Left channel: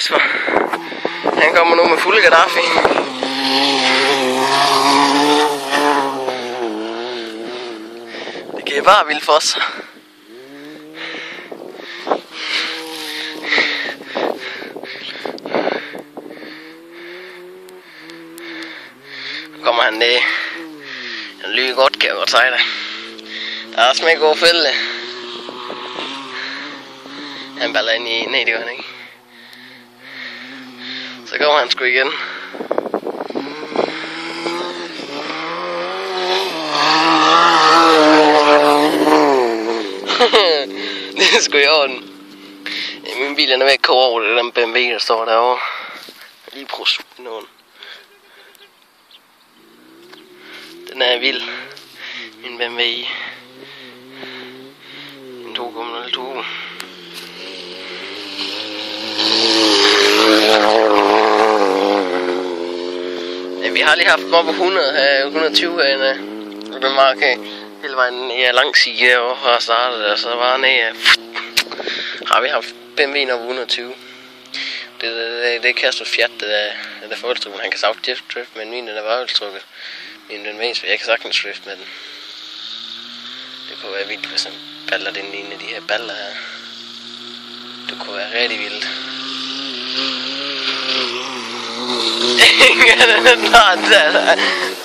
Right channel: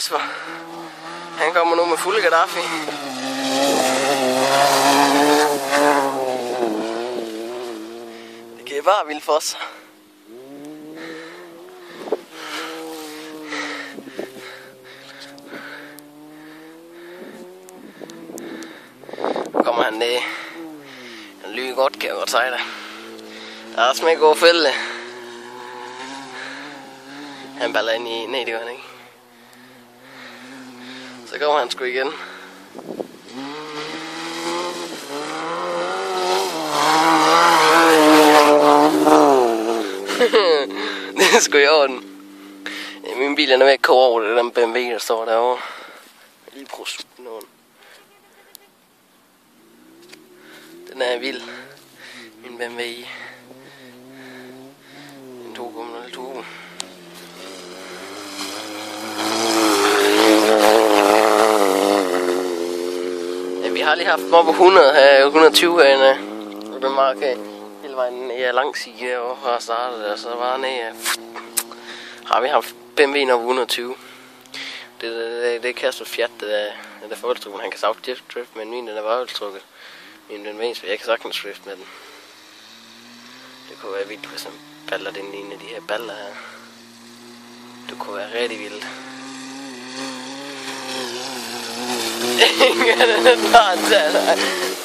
Kasper, han kommer nu med fulde Gaddafi. Det kan bare vildt for sig. Nu kommer han ned. Han lyder godt, kan jeg godt sige det. Der er også med god fælde. Han baller ind i ned, det gør han ikke. Så kommer han sgu igen. Det er sgu i orden. Min bil er ved at koge over det der BMW, der står derovre. Lige prøv at suge den over. Den er vild. Min BMW. En 2,02. Ja, vi har lige haft den op på 100 her, 120 herinde. Og den var okay. Hele vejen ned langs side og fra startet, og så var ned. Har vi haft BMW'en op på 120. Det er Kasper Fiat, det er forholdstrukket. Han kan sagtens drift, men min den er varvelstrukket. Min den ved, så jeg kan sagtens drift med den. Det kunne være vildt, hvis han baller den ene af de her baller her. Det kunne være rigtig vildt.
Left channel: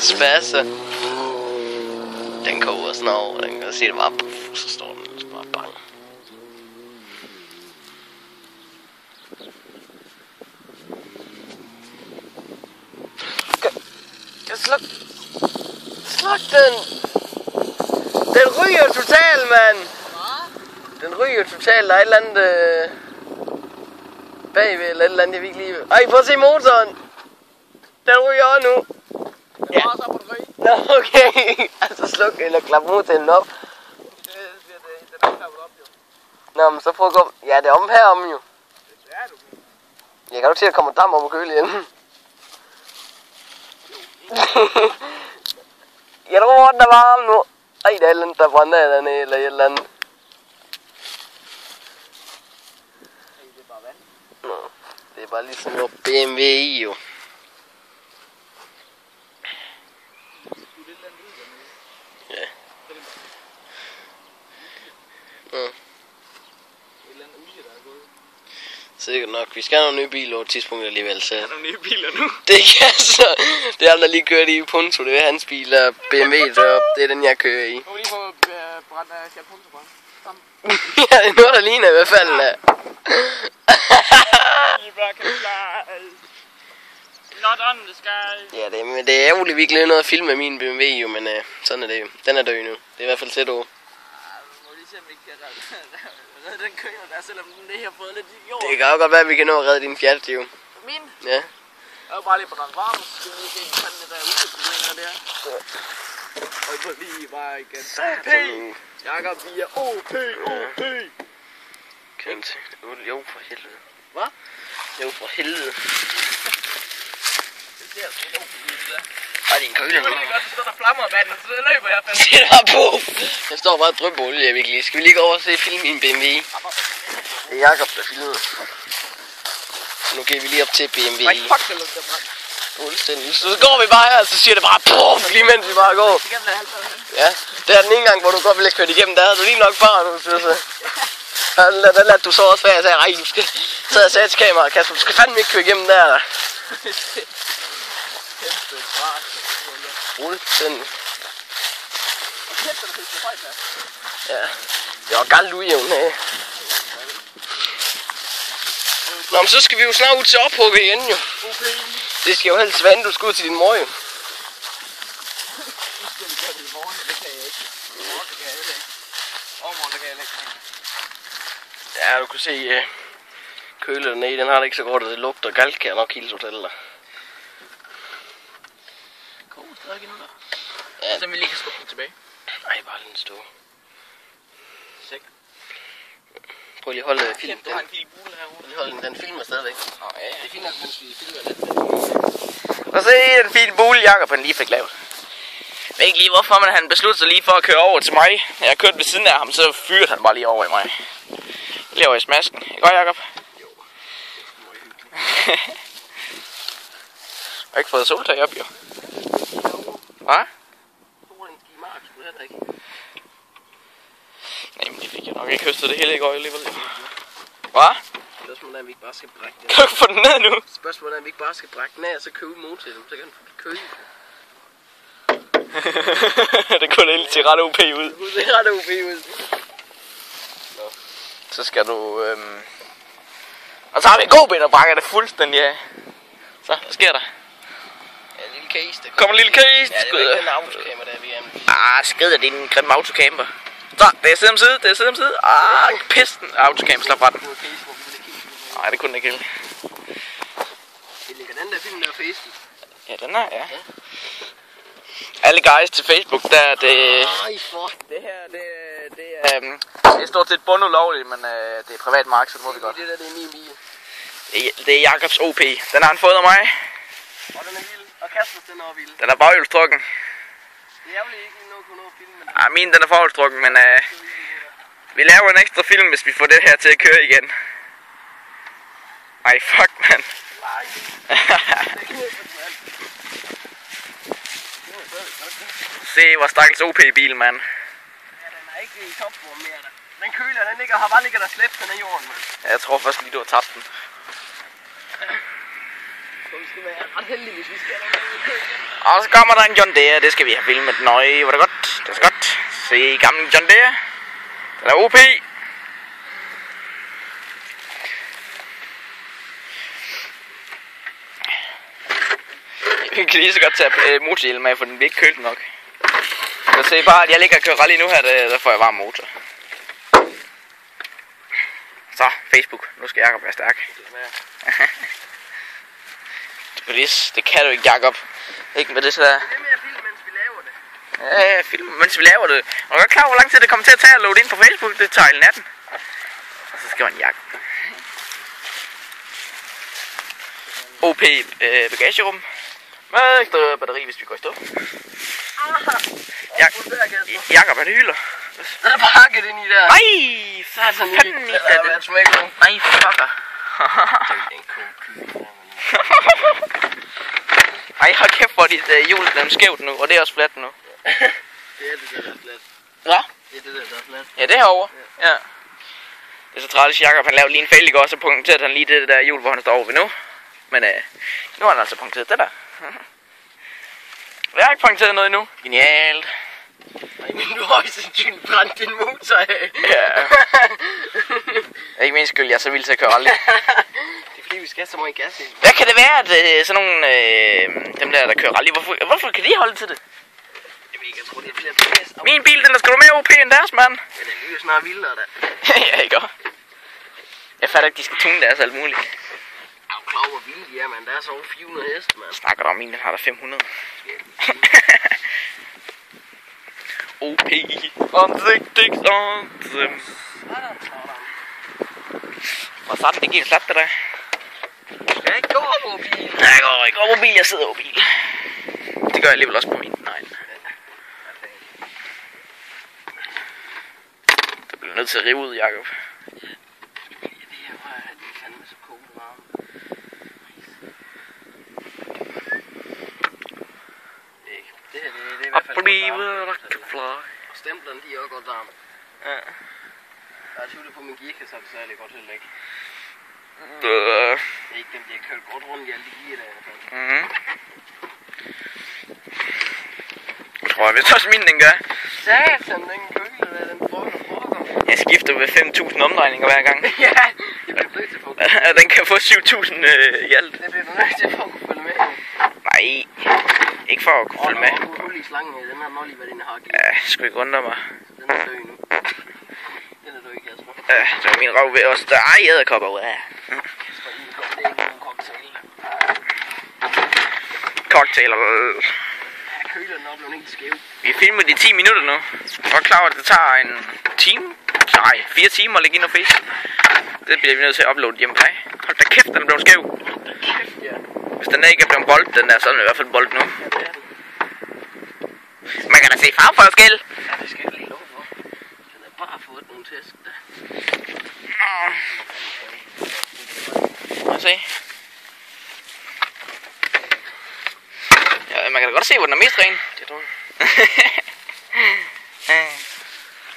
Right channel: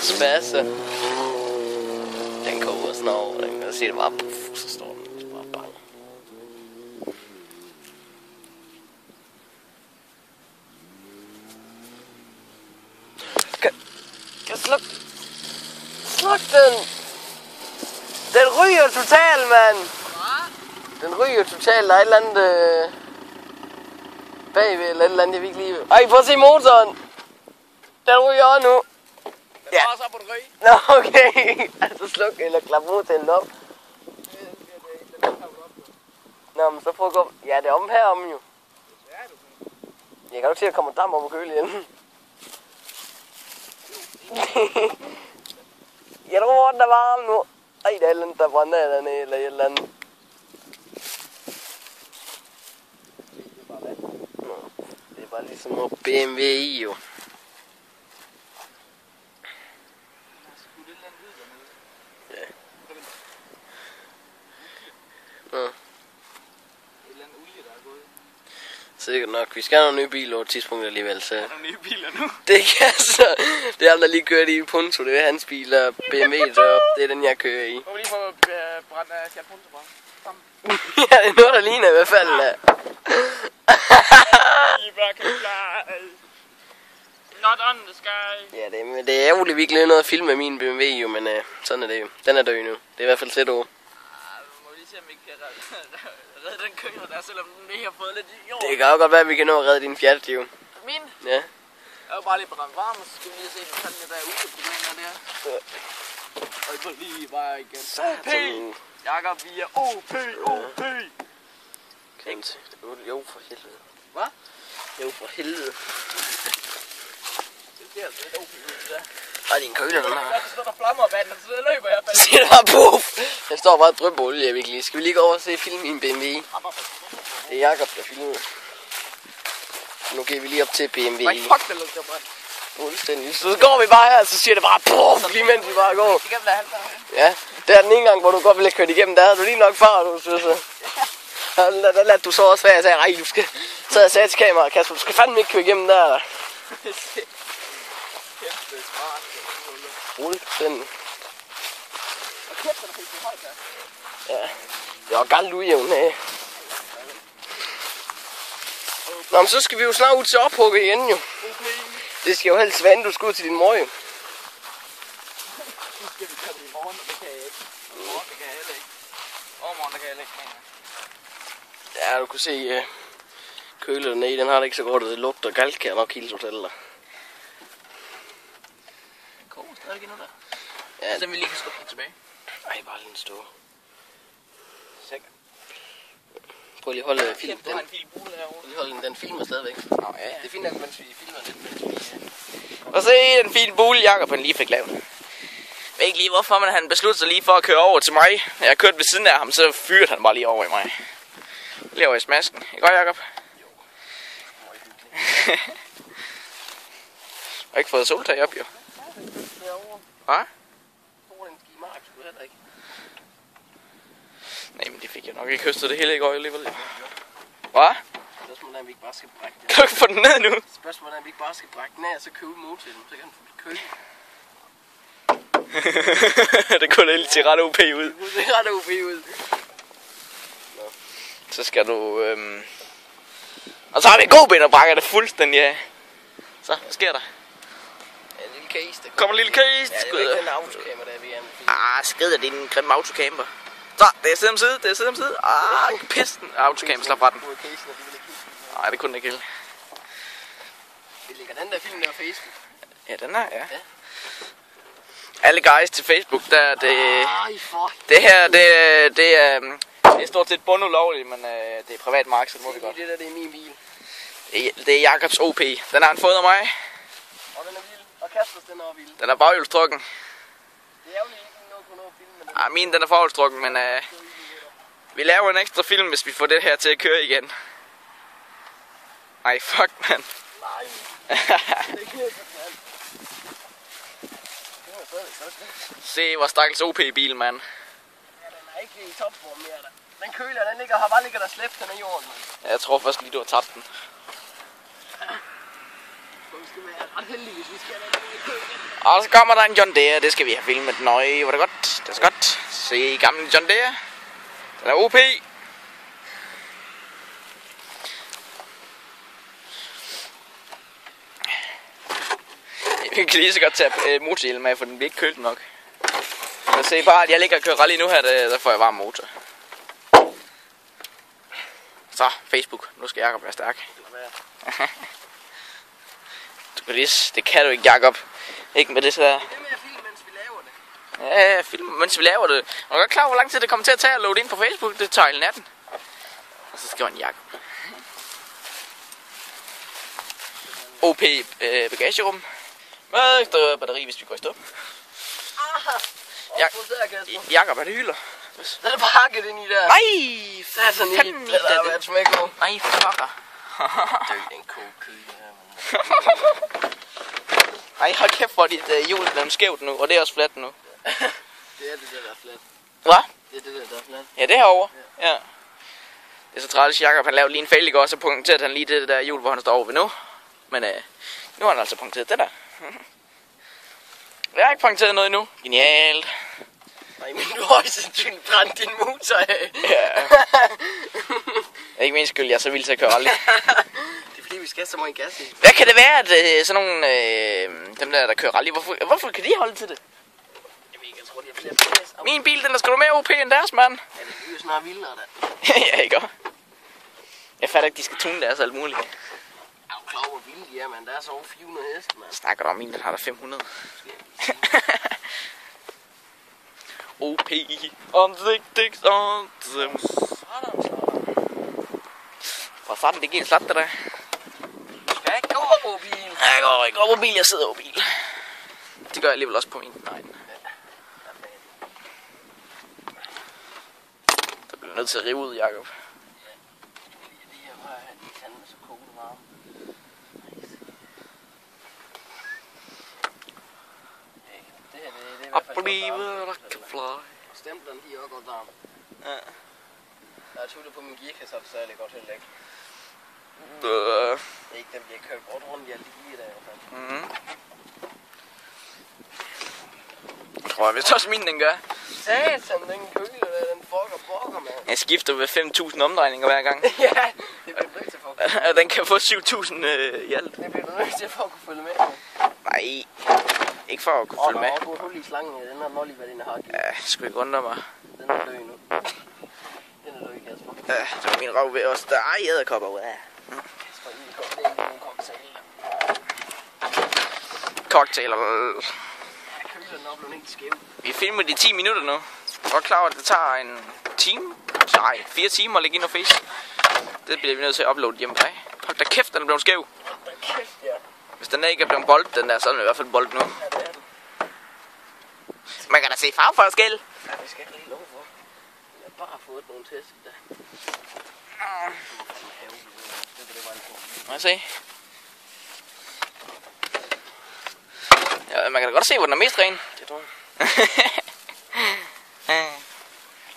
Spasser. Den koger sådan over, den kan se det bare puff, så står den bare bang. Kan sluk den. Den ryger totalt, mand. Den ryger totalt, der er et eller andet bagved, eller et eller andet, jeg vil ikke lige. Ej, prøv at se motoren. Den ryger også nu. Ja. Nå, okay. Altså sluk eller klap motoren op. Nå, men så prøv at gå. Ja, det er om herom jo. Jeg kan du til at komme dam op og køle igen. Jeg tror, den er varm nu. Ej, der er et eller andet, der brænder dernede, eller et eller andet. Nå, det er bare ligesom noget BMW i jo. Ja. Nå. Sikkert nok. Vi skal have nogle nye biler over et tidspunkt alligevel, så... Nogle nye biler nu? Det kan så... Det er ham, der lige kører i Punto. Det er hans bil, og BMW deroppe. Det er den, jeg kører i. Må vi lige få brændt Fiat Punto på? Ja, det er noget, der ligner i hvert fald. Not on the sky. Ja, det er ærgerligt, vi ikke lavede noget at filme med min BMW jo, men sådan er det jo. Den er død nu. Det er i hvert fald tæt over. Må vi lige se, om vi kan redde den køler der, selvom den lige har fået lidt jord. Det kan jo godt være, at vi kan nå at redde din Fiat, jo. Min? Ja. Jeg er jo bare lige brændt varm, så skal vi lige se, hvad fanden der er udeproblemer der. Og så lige bare igen. OP! Jakob, vi er OP! Kan du se? Jo, for helvede. Hvad? Jo, for helvede. Det ser altså lidt OP ud, det der. Ej, din køler nu. Det er godt, der står der flammer af vandet, så det løber jeg fandme. Se, der var puff. Der står bare dryppe olie, jeg vil ikke lige. Skal vi lige gå over og se film i en BMW? Det er Jakob, der filmer. Nu går vi lige op til BMW. Nej, fuck, det lugter brændt. Fuldstændig. Så går vi bare her, så siger det bare puff, lige mens vi bare går. Ja, det er den ene gang, hvor du godt ville have kørt igennem, der havde du lige nok bare, du synes. Der lader du så også være, jeg sagde, ej, du skal... Så jeg sagde til kameraet, Kasper, du skal fandme ikke køre igennem der. Kæmpe fart. Fuldstændig. Kæft, der fik så højt der. Ja, det var galt ujævn her. Nå, men så skal vi jo snart ud til ophugget igen jo. Okay. Det skal jo helst vande, du skal ud til din mor jo. Nu skal vi gøre det i morgen, det kan jeg ikke. I morgen, det kan jeg ikke. Overmorgen, det kan jeg ikke. Ja, du kan se køler dernede, den har det ikke så godt, og det lugter galt, kan jeg nok hilse fortælle dig. Koger stadig endnu der. Ja. Så vi lige kan skubbe den tilbage. Nej, bare den stå. Sikker. Prøv lige at holde film. Du har en Philip Bule herovre. Lige holde den filmer stadigvæk. Nå ja. Det er fint nok, mens vi filmer lidt. Og så er den fine bule, Jakob han lige fik lavet. Jeg ved ikke lige hvorfor, men han besluttede sig lige for at køre over til mig. Når jeg kørte ved siden af ham, så fyrede han bare lige over i mig. Lige over i smasken. Ikke godt, Jakob? Jo. har ikke fået soltag op, jo. Hvad? Nej, men de fik jeg nok ikke høstet det hele i går alligevel, jo. Hvad? Spørgsmålet er, om vi ikke bare skal brække den. Du kan få den ned nu. Spørgsmålet er, om vi ikke bare skal brække den af, og så købe mod til dem. Så kan den få køle. Det kunne helt til ret OP ud. Det er ret OP ud. Så skal du... Og så har vi en god ben og brækker det fuldstændig af. Så, hvad sker der? Ja, en lille case. Kommer en lille case. Ja, det er jo ikke den autocamper, der er vi gerne vil. Skrider, det er en grim autocamper. Så, det er side om side, det er side om side. Pisten. Autocamper, slap fra den. Nej, det kunne den ikke helt. Vi lægger den der film der Facebook. Ja, den er, ja. Alle guys til Facebook, der er det... Det her, det er stort set bundulovligt, men det er privat mark, så det må vi godt. Det der, det er min bil. Det er Jakobs OP. Den har han fået af mig. Og den er vild. Og Kaspers, den er vild. Den er baghjulstrukken. Det er ærgerligt ikke noget kunne nå at filme, men Min den er forholdstrukken, men vi laver en ekstra film, hvis vi får det her til at køre igen. Ej, fuck, mand. nej. Det er knæppet, mand. Se, hvor stakkels OP-bil, mand. Ja, den er ikke i topform mere, der. Den køler, den ligger, har bare ligget der slæbt, den er jorden, mand. Jeg tror først lige, du har tabt den. Så vi skal være ret heldige, hvis vi skal have noget. Og så kommer der en John Deere, det skal vi have filmet nøje. Var det godt? Det er godt. Se, gamle John Deere. Den er OP. Vi kan lige så godt tage motorhjelm med, for den bliver ikke kølt nok. Så se bare, at jeg ligger og kører rally nu her, der får jeg varm motor. Så, Facebook. Nu skal Jakob være stærk. Du kan lige, det kan du ikke, Jakob. Ikke med det så der. Det er med at filme, mens vi laver det. Ja, film, mens vi laver det. Og du er klar, hvor lang tid det kommer til at tage at loade ind på Facebook? Det tager hele natten. Og så skriver en Jakob. OP bagagerum. Med ekstra batteri, hvis vi går i stå. Jakob, er det hylder? Den er pakket ind i der. Nej, Satan, fanden i det. Nej, fucker. Ej, hold kæft, hvor dit hjul er blevet skævt nu, og det er også fladt nu. Det er det der er fladt. Hvad? Det er det der er fladt. Ja, det herovre. Ja. Det er så træls, Jakob, han lavede lige en fejl i går, så punkterede han lige det der hjul, hvor han står over ved nu. Men nu har han altså punkteret det der. Jeg har ikke punkteret noget endnu. Genialt. Ej, men du har også sandsynligt brændt din motor af. Ja. Ikke min skyld, jeg er så vild til at køre aldrig. Det er fordi, vi skal have så meget gas i. Hvad kan det være, at sådan nogle, dem der kører rally, hvorfor kan de holde til det? Jeg tror, det er flere plads. Min bil, den er sgu mere OP end deres, mand. Ja, det er jo snart vildere, da. Ja, ikke også? Jeg fatter ikke, de skal tune deres alt muligt. Jeg er jo klar, hvor vilde de er, mand. Der er så over 400 heste, mand. Snakker du om, min den har der 500. OP. Ansigtigt om dem. Hvor sådan, det giver en slat, det der. Skal jeg ikke gå over bil? Nej, jeg går ikke over bil, jeg sidder over bil. Det gør jeg alligevel også på min. Nej. Der bliver nødt til at rive ud, Jakob. I believe I can fly. Stemplerne, de er også godt varme. Ja. Der er tvivlet på min gearkasse, så er det særlig godt heller ikke. Det er ikke dem, de har kørt godt rundt i alle de gear der i hvert fald. Jeg tror jeg vist også min, den gør. Satan, den køler der, den fokker. Jeg skifter ved 5.000 omdrejninger hver gang. Ja, det bliver nødt til for at kunne. Den kan få 7.000 i alt. Det bliver du nødt til for at kunne følge med. Nej, ikke for at kunne følge med. Og der var hul i slangen her, den har nok lige været inde i hakket. Ja, sgu ikke undre mig. Den er død nu. Den er død, Kasper. Ja, så er min røv ved også. Der er edderkopper ud af. Kasper, det er ikke nogen cocktail. Cocktail. Ja, køleren er blevet helt skæv. Vi filmer de 10 minutter nu. Jeg er klar over, at det tager en time? Nej, 4 timer at lægge ind og face. Det bliver vi nødt til at uploade hjemme på. Hold da kæft, den er blevet skæv. Hold da kæft, ja. Hvis den ikke er blevet bold, den er sådan i hvert fald bold nu. Ja, det er den. Man kan da se farveforskel. Ja, det skal jeg lige lov for. Den har bare fået nogle tæsk der. Må jeg se? men man kan da godt se, hvor den er mest ren. Det tror jeg.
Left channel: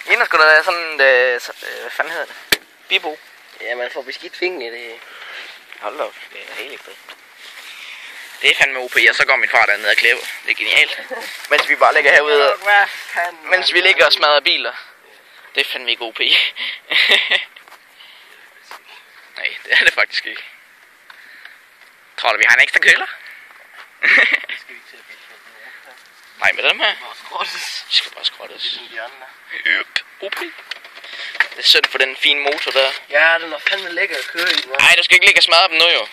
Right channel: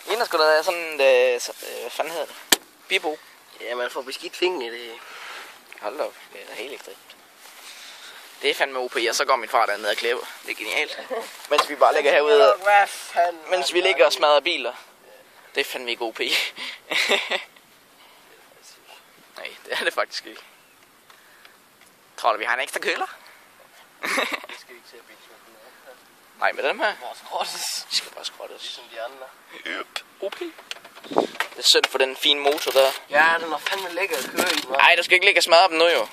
Inden skulle der være sådan, hvad fanden hedder det? Bibo. Ja, man får beskidt fingre i det. Hold da op, det er helt ekstremt. Det er fandme OP, og så går min far dernede og klipper. Det er genialt. Mens vi bare ligger herude, mens vi ligger og smadrer biler. Det er fandme ikke OP. Nej, det er det faktisk ikke. Tror du, vi har en ekstra køler? Det skal vi ikke til at bilde. Nej, med dem her. Bare skrottes. De skal bare skrottes. Ligesom de andre. OP. Det er synd for den fine motor der. Ja, den var fandme lækker at køre i. Nej, du skal ikke ligge og smadre dem nu jo.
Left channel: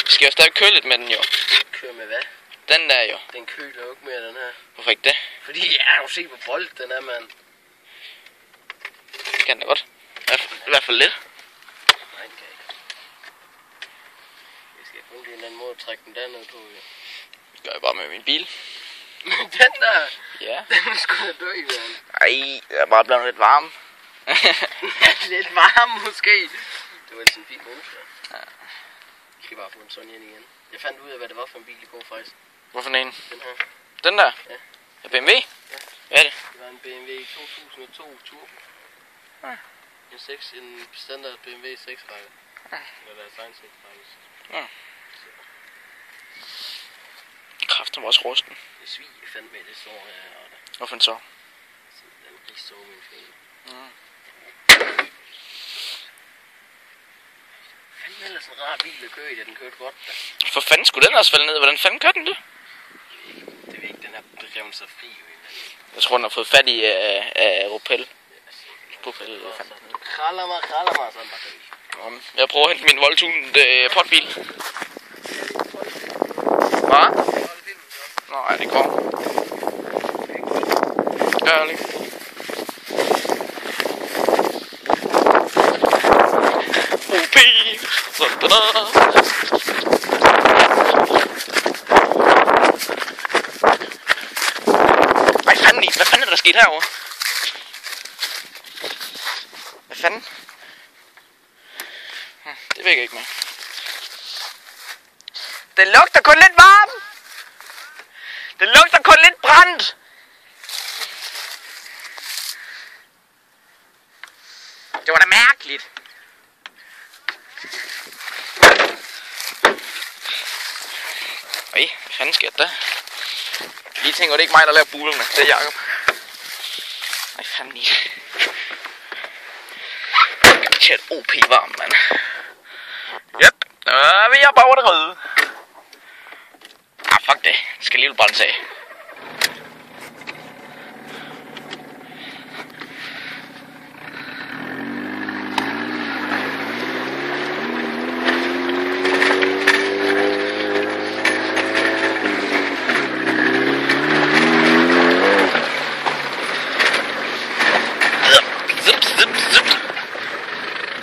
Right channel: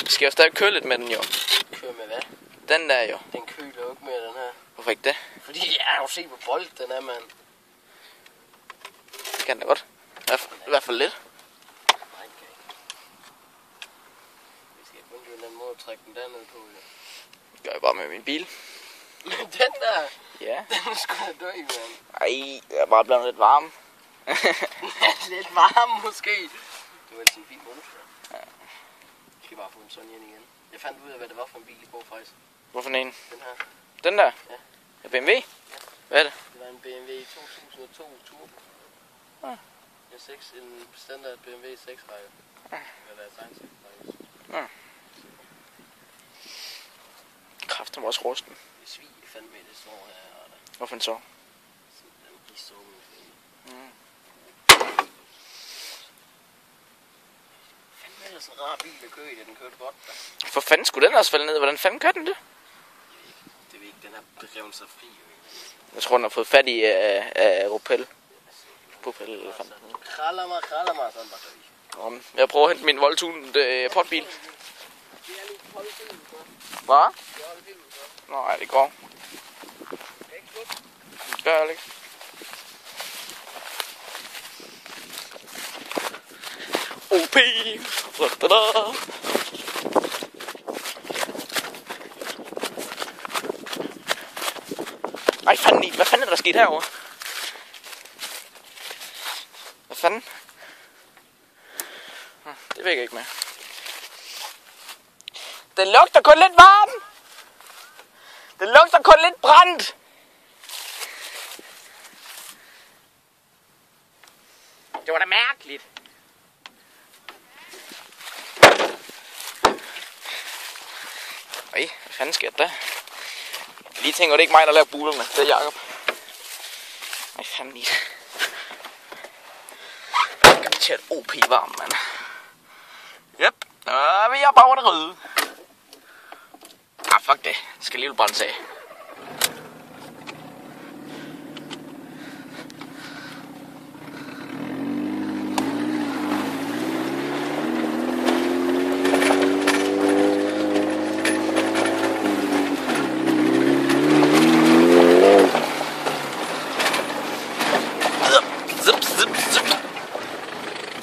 Vi skal jo stadig køle lidt med den jo. Køre med hvad? Den der jo. Den køler jo ikke mere, den her. Hvorfor ikke det? Fordi jeg har jo set, hvor bold den er, mand. Det kan den da godt. I hvert fald lidt. Nej, den kan ikke. Jeg skal kun på en eller anden måde trække den dernede på, jo. Det gør jeg bare med min bil. Den der, Ja. den skulle dø, mand. Ej, det er bare blevet lidt varm. Lidt varm måske. Det var sådan en fin motor. Ja. Jeg skal bare få en sådan ind igen. Jeg fandt ud af, hvad det var for en bil i går, faktisk. Hvorfor en? Den her. Den der? Ja. Er BMW? Ja. Hvad er det? Det var en BMW 2002 Turbo. Ja. En standard BMW 6-række. Ja. Eller deres egen 6-række. Ja. Kræften var også rusten. Det svig fandme med det sår her. Hvorfor så? Den rigtig så min fælde. Mm. Fandme ellers en rar bil at køre i, den kørte godt da. For fanden skulle den også falde ned? Hvordan fanden gør den det? Det ved ikke, den har drevet sig fri jo. Jeg tror, den har fået fat i Ropel. Propel, fanden. Kraller mig, sådan der vi. Jeg prøver at hente min voldtunede potbil. Hvad? Nej, det går. Gør det ikke. OP! Sådan der. Ej, fanden i. Hvad fanden er der sket herovre? Hvad fanden? Det ved jeg ikke med. Den lugter kun lidt varm. Den lugter kun lidt brændt. Det var da mærkeligt. Ej, hvad fanden sker der? Jeg lige tænker, det er ikke mig, der laver bulerne. Det er Jacob. Ej, fanden i. Det er et OP varm, mand. Yep. Vi er bare over det røde. Ah, fuck det. Det skal lige brændes af.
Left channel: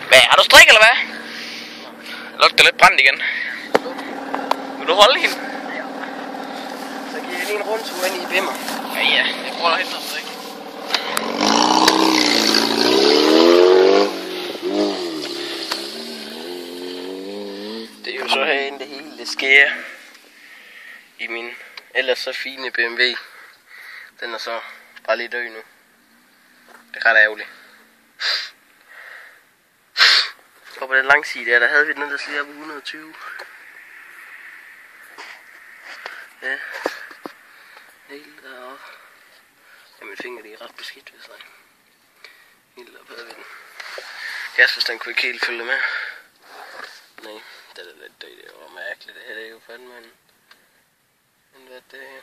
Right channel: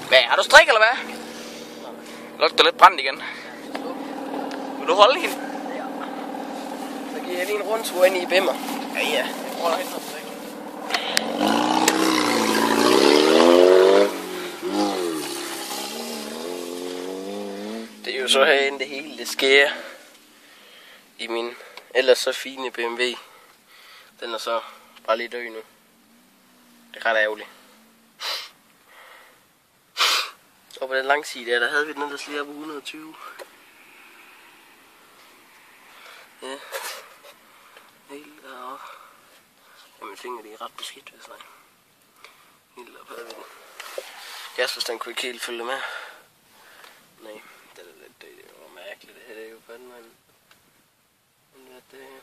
Hvad, har du strik eller hvad? Lugter lidt brændt igen. Vil du holde hende? Så giver jeg lige en rundtur ind i bimmer. Ja, jeg prøver at hente noget strik. Det er jo så herinde det hele, det sker i min ellers så fine BMW. Den er så bare lidt død nu. Det er ret ærgerligt. Og på den lange side der havde vi den ellers lige op på 120. Ja. Helt deroppe. Ja, mine fingre de er ret beskidt, hvis jeg. Helt op havde vi den. Jaspers, den kunne ikke helt følge med. Nej, det er lidt død. Det var mærkeligt. Det her det er jo fandme en hvad det er.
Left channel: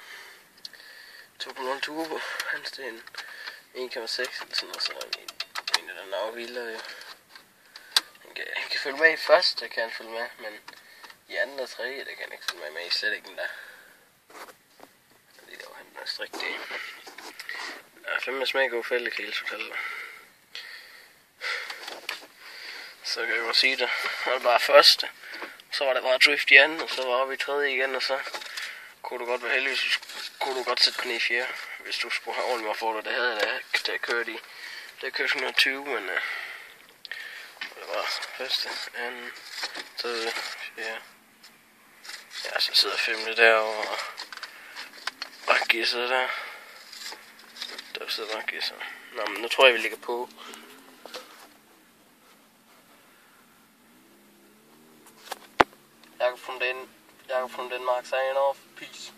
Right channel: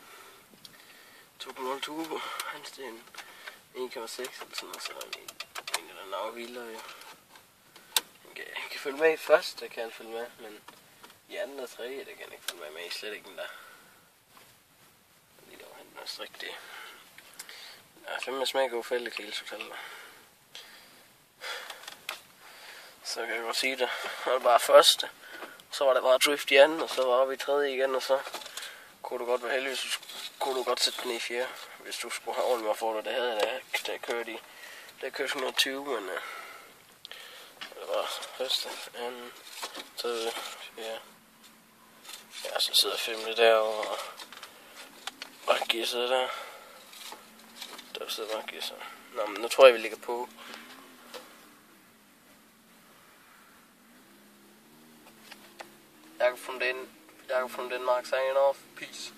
2.0 turbo. Hans det er en 1,6 eller sådan noget. Så en af den er vildere jo. Han kan følge med i første, kan han følge med, men i anden og tredje, det kan han ikke følge med i, slet ikke den der. Fordi der var han der strik det. Der er fandme smag god fældekæle totalt. Så kan jeg godt sige det. Det var bare første, så var det bare drift i anden, og så var vi i tredje igen, og så kunne du godt være heldig, så kunne du godt sætte den i fjerde, hvis du skulle have ordentligt for dig. Det havde jeg da kørt i. Det kørte 120, men det var første, anden, tredje, fjerde. Ja, så sidder femte derovre, og Bare gæsser der. Der sidder bare gæsser. Nå, men nu tror jeg, vi ligger på. Jakob from Denmark signing off. Peace.